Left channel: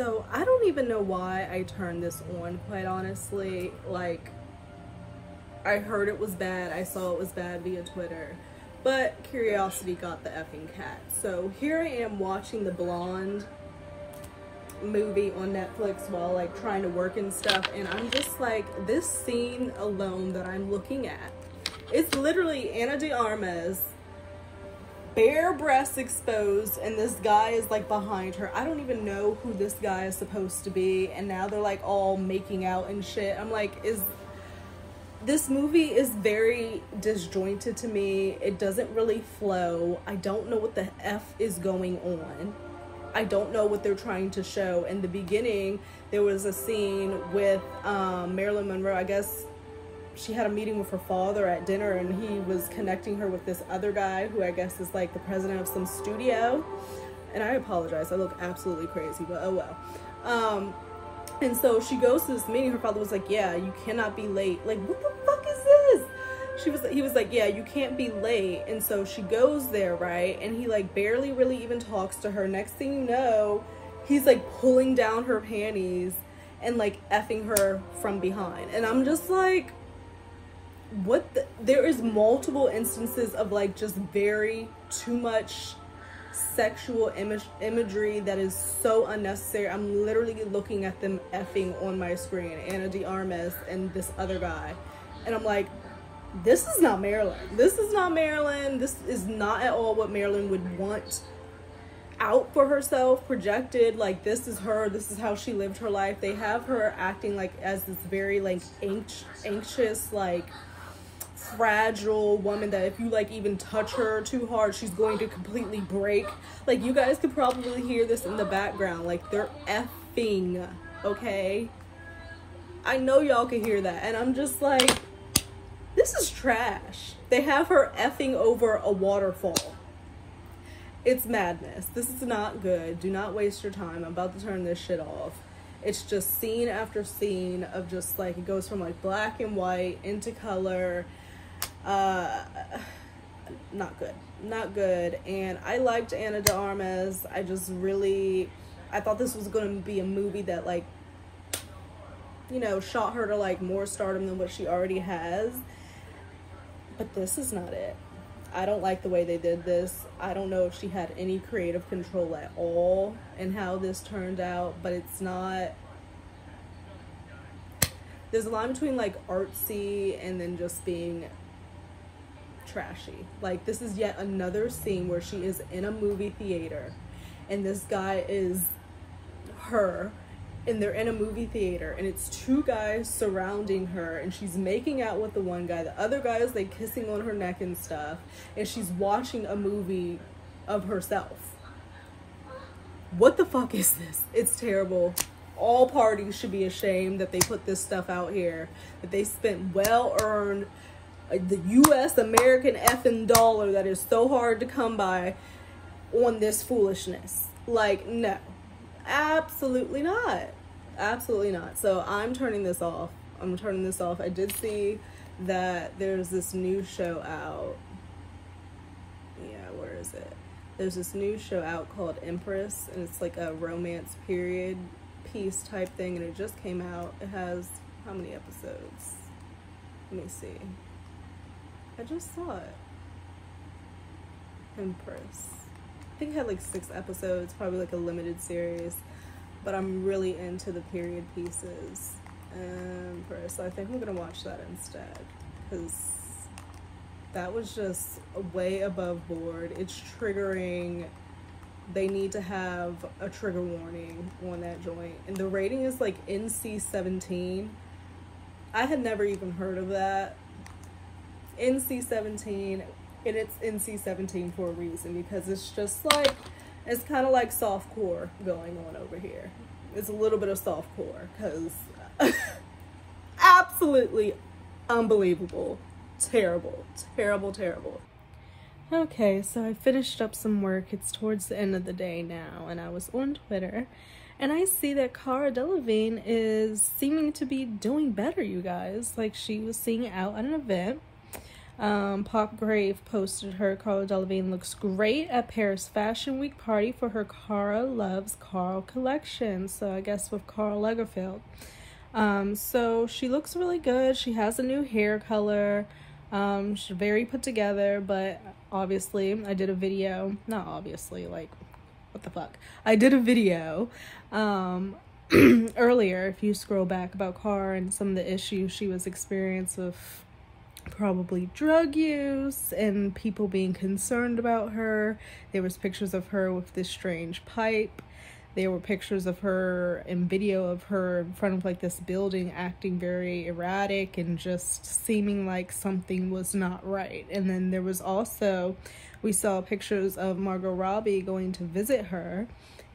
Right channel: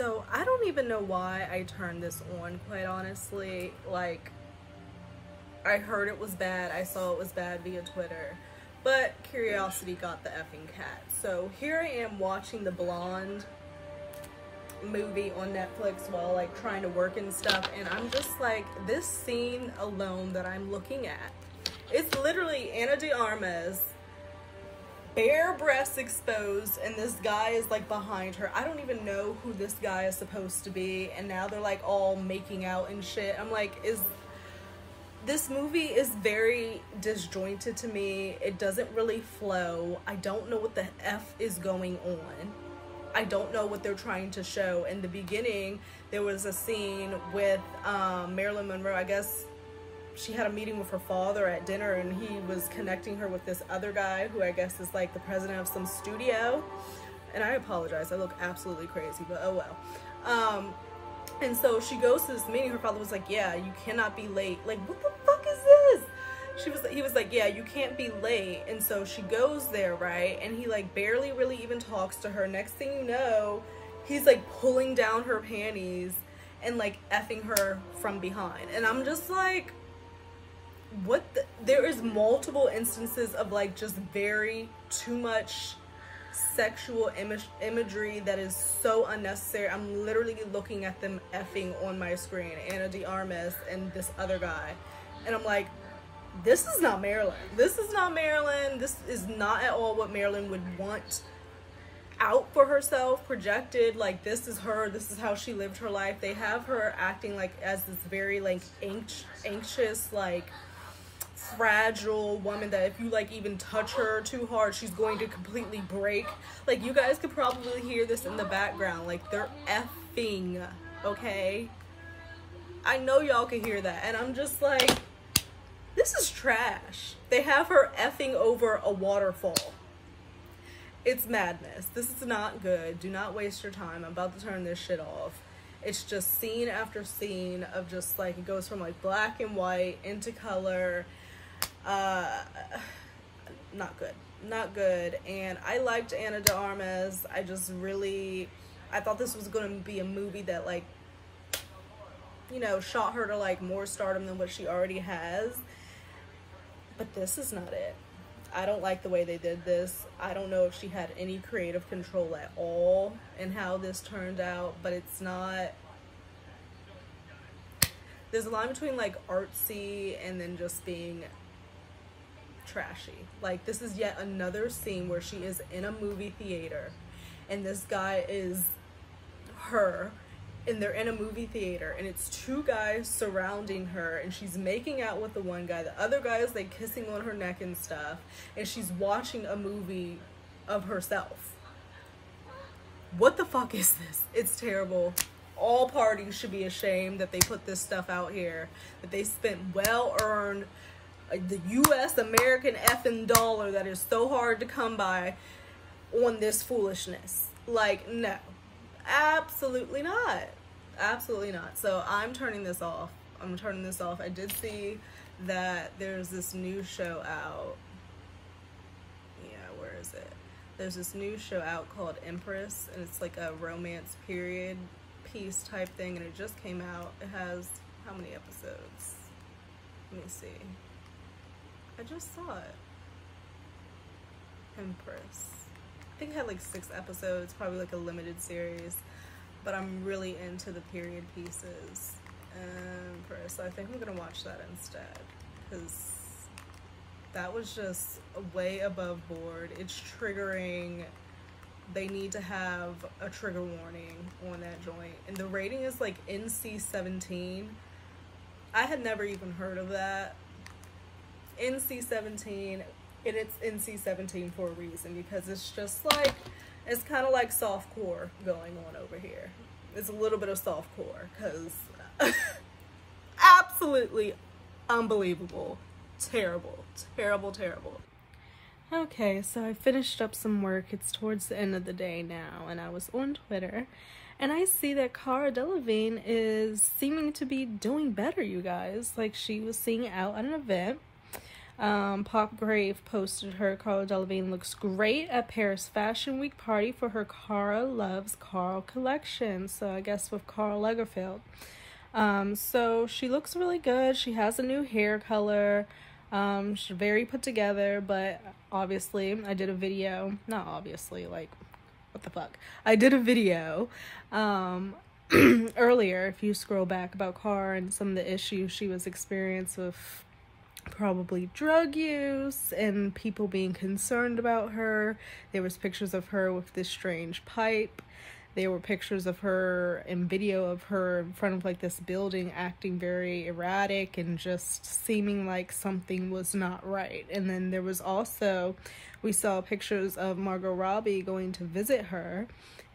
So I don't even know why I turned this on, quite honestly. Like, I heard it was bad, I saw it was bad via Twitter, but curiosity got the effing cat. So here I am watching the Blonde movie on Netflix while like trying to work and stuff, and I'm just like, this scene alone that I'm looking at, it's literally Ana de Armas, bare breasts exposed, and this guy is like behind her. I don't even know who this guy is supposed to be, and now they're like all making out and shit. I'm like, this movie is very disjointed to me. It doesn't really flow. I don't know what the F is going on. I don't know what they're trying to show. In the beginning, there was a scene with Marilyn Monroe. I guess she had a meeting with her father at dinner, and he was connecting her with this other guy who I guess is like the president of some studio. And I apologize, I look absolutely crazy, but oh well. And so she goes to this meeting. Her father was like, yeah, you cannot be late. Like, what the fuck is this? He was like, yeah, you can't be late. And so she goes there, right? And he like barely really even talks to her. Next thing you know, he's like pulling down her panties and like effing her from behind. And I'm just like, what the? There is multiple instances of like just very too much sexual imagery that is so unnecessary. I'm literally looking at them effing on my screen, Ana de Armas and this other guy, and I'm like, this is not Marilyn. This is not Marilyn. This is not at all what Marilyn would want out for herself, projected. Like, this is her. This is how she lived her life. They have her acting like as this very like anxious, like fragile woman that if you like even touch her too hard, she's going to completely break. Like, you guys could probably hear this in the background. Like, they're effing, okay? I know y'all can hear that. And I'm just like, this is trash. They have her effing over a waterfall. It's madness. This is not good. Do not waste your time. I'm about to turn this shit off. It's just scene after scene of just like, it goes from like black and white into color. Not good, not good. And I liked Ana de Armas. I thought this was going to be a movie that like, you know, shot her to like more stardom than what she already has, but this is not it. I don't like the way they did this. I don't know if she had any creative control at all in how this turned out, but it's not. There's a line between like artsy and then just being trashy. Like, this is yet another scene where she is in a movie theater and this guy is her, and they're in a movie theater and it's two guys surrounding her and she's making out with the one guy. The other guy is like kissing on her neck and stuff, and she's watching a movie of herself. What the fuck is this? It's terrible. All parties should be ashamed that they put this stuff out here, that they spent well-earned the US American effing dollar that is so hard to come by on this foolishness. Like, no, absolutely not. Absolutely not. So I'm turning this off. I'm turning this off. I did see that there's this new show out. Yeah, where is it? There's this new show out called Empress, and it's like a romance period piece type thing, and it just came out. It has how many episodes? Let me see. I just saw it. Empress. I think it had like 6 episodes, probably like a limited series, but I'm really into the period pieces. Empress. So I think I'm gonna watch that instead, because that was just way above board. It's triggering. They need to have a trigger warning on that joint. And the rating is like NC-17. I had never even heard of that. NC-17, and it's NC-17 for a reason, because it's just like, it's kind of like softcore going on over here. It's a little bit of softcore, because absolutely unbelievable. Terrible, terrible, terrible. Okay, so I finished up some work. It's towards the end of the day now, and I was on Twitter, and I see that Cara Delevingne is seeming to be doing better, you guys. Like, she was singing out at an event. Pop Grave posted her Cara Delevingne looks great at Paris Fashion Week party for her Cara Loves Carl collection. So I guess with Karl Lagerfeld. So she looks really good. She has a new hair color. She's very put together, but obviously I did a video, not obviously, like, what the fuck? I did a video, earlier, if you scroll back, about Cara and some of the issues she was experiencing with probably drug use and people being concerned about her. There was pictures of her with this strange pipe. There were pictures of her and video of her in front of like this building acting very erratic and just seeming like something was not right. And then there was also, we saw pictures of Margot Robbie going to visit her,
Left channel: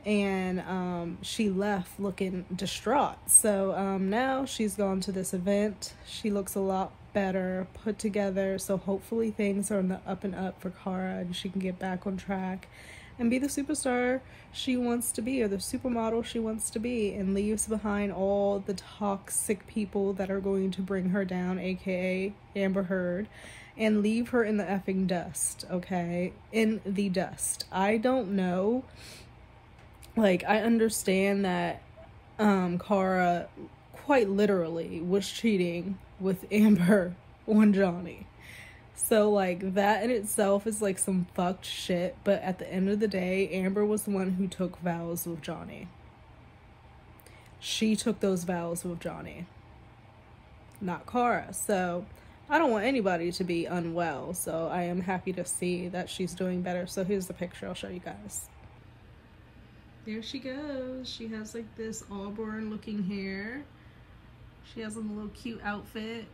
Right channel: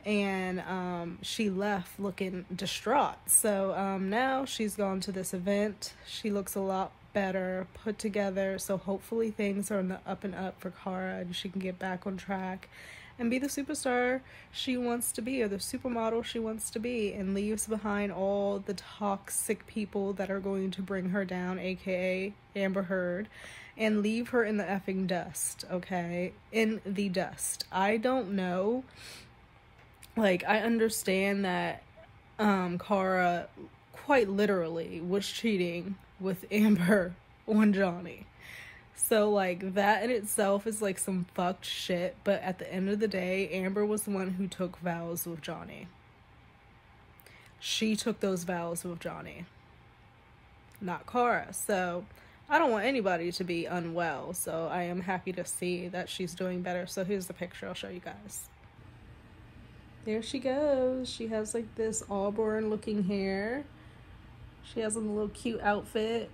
and she left looking distraught. So now she's gone to this event. She looks a lot better, put together. So hopefully things are on the up and up for Cara and she can get back on track and be the superstar she wants to be, or the supermodel she wants to be, and leaves behind all the toxic people that are going to bring her down, aka Amber Heard, and leave her in the effing dust, okay? In the dust. I don't know. Like, I understand that Cara quite literally was cheating with Amber on Johnny. So, like, that in itself is, like, some fucked shit. But at the end of the day, Amber was the one who took vows with Johnny. She took those vows with Johnny, not Cara. So, I don't want anybody to be unwell. So, I am happy to see that she's doing better. So, here's the picture. I'll show you guys. There she goes. She has, like, this auburn-looking hair. She has on a little cute outfit.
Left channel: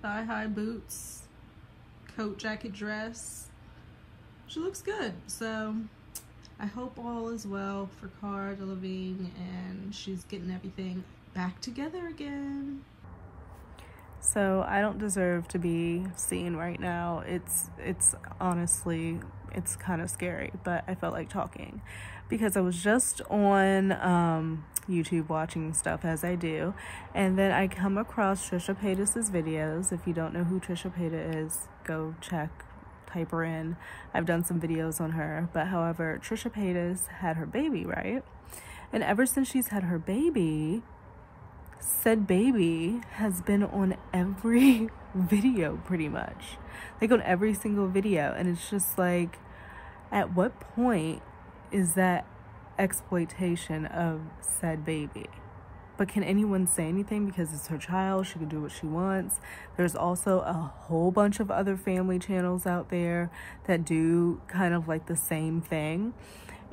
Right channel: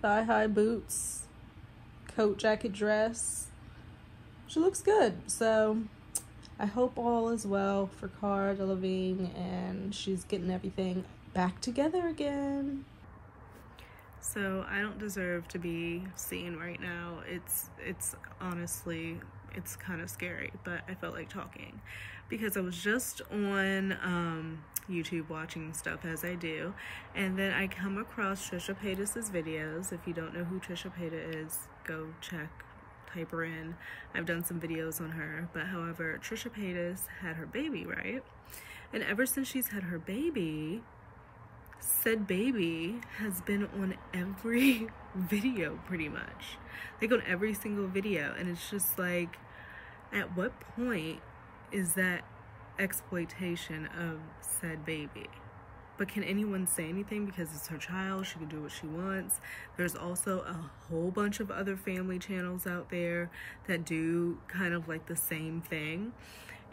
Thigh-high boots. Coat, jacket, dress. She looks good. So I hope all is well for Cara Delevingne and she's getting everything back together again. So I don't deserve to be seen right now. It's honestly, it's kind of scary, but I felt like talking because I was just on YouTube watching stuff, as I do, and then I come across Trisha Paytas' videos. If you don't know who Trisha Paytas is, go check, type her in. I've done some videos on her, but however, Trisha Paytas had her baby, right? And ever since she's had her baby, said baby has been on every video pretty much, like on every single video. And it's just like, at what point is that exploitation of said baby? But can anyone say anything because it's her child? She can do what she wants. There's also a whole bunch of other family channels out there that do kind of like the same thing.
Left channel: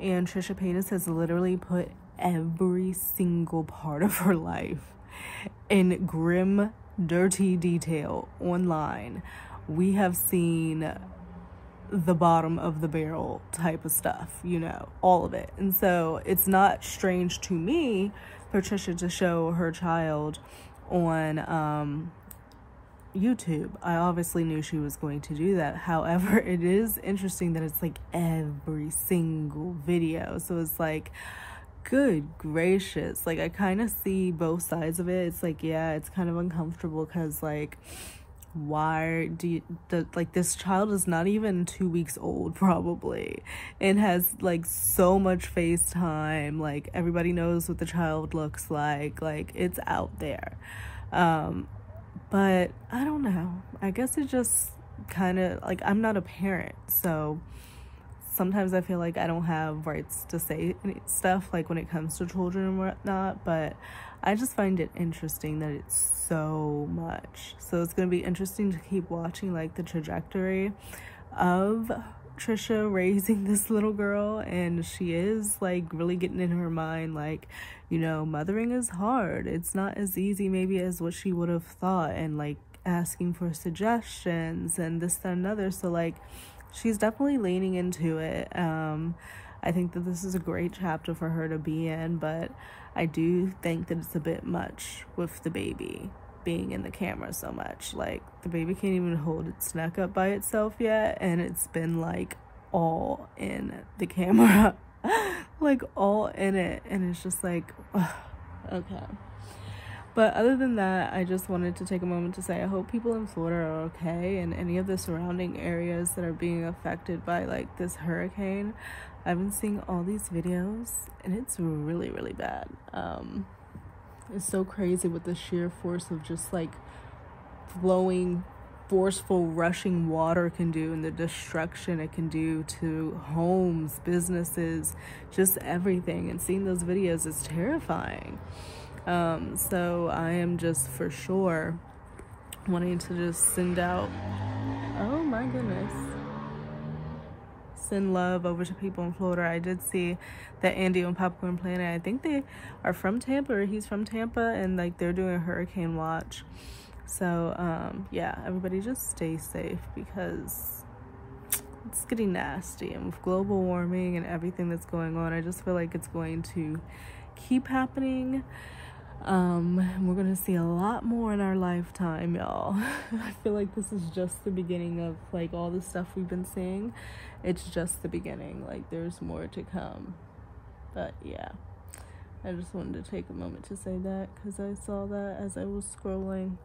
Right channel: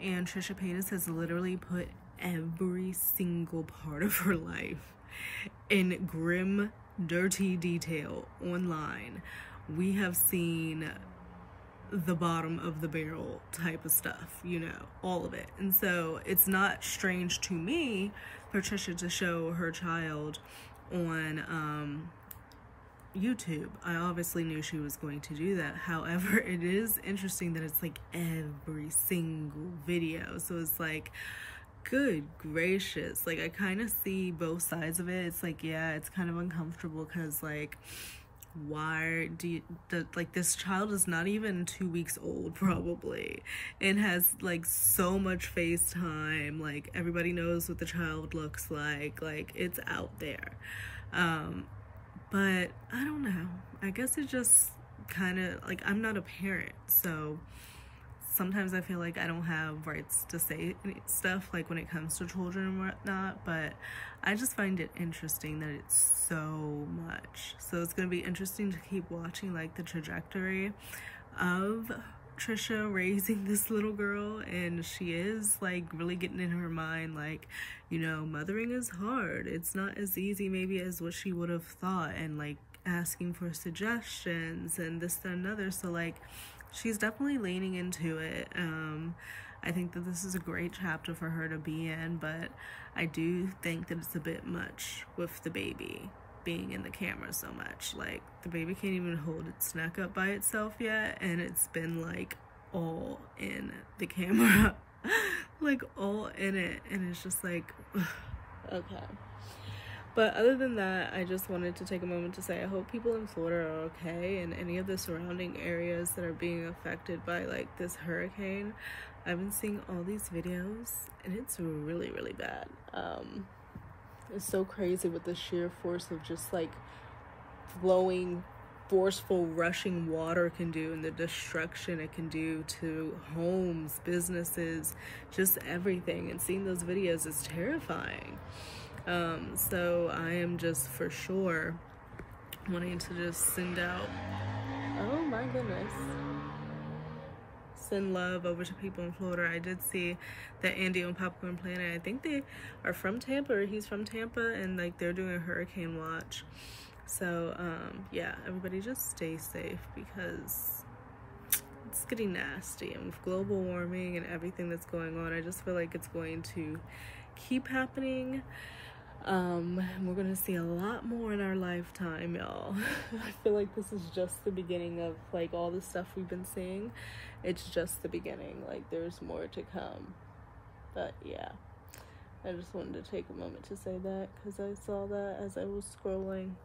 And Trisha Paytas has literally put every single part of her life in grim, dirty detail online. We have seen the bottom of the barrel type of stuff, you know, all of it. And so it's not strange to me for Trisha to show her child on YouTube. I obviously knew she was going to do that. However, it is interesting that it's like every single video. So it's like, good gracious. Like, I kind of see both sides of it. It's like, yeah, it's kind of uncomfortable because, like, why do you, like, this child is not even 2 weeks old probably and has like so much FaceTime. Like, everybody knows what the child looks like it's out there. But I don't know, I guess it just kind of like, I'm not a parent, so sometimes I feel like I don't have rights to say stuff like when it comes to children and whatnot, but I just find it interesting that it's so much. So it's going to be interesting to keep watching like the trajectory of Trisha raising this little girl. And she is like really getting in her mind, like, you know, mothering is hard. It's not as easy maybe as what she would have thought, and like asking for suggestions and this, that, and another. So like, she's definitely leaning into it. I think that this is a great chapter for her to be in, but I do think that it's a bit much with the baby being in the camera so much. Like, the baby can't even hold its neck up by itself yet, and it's been like all in the camera. Like all in it, and it's just like, ugh, okay. But other than that, I just wanted to take a moment to say I hope people in Florida are okay, and any of the surrounding areas that are being affected by like this hurricane. I've been seeing all these videos and it's really, really bad. It's so crazy what the sheer force of just like flowing, forceful, rushing water can do, and the destruction it can do to homes, businesses, just everything. And seeing those videos is terrifying. So I am just for sure wanting to just send out, oh my goodness, send love over to people in Florida. I did see that Andy on Popcorn Planet, I think they are from Tampa, or he's from Tampa, and like they're doing a hurricane watch. So yeah, everybody just stay safe, because it's getting nasty, and with global warming and everything that's going on, I just feel like it's going to keep happening. And we're gonna see a lot more in our lifetime, y'all. I feel like this is just the beginning of like all the stuff we've been seeing. It's just the beginning. Like there's more to come. But yeah, I just wanted to take a moment to say that, because I saw that as I was scrolling.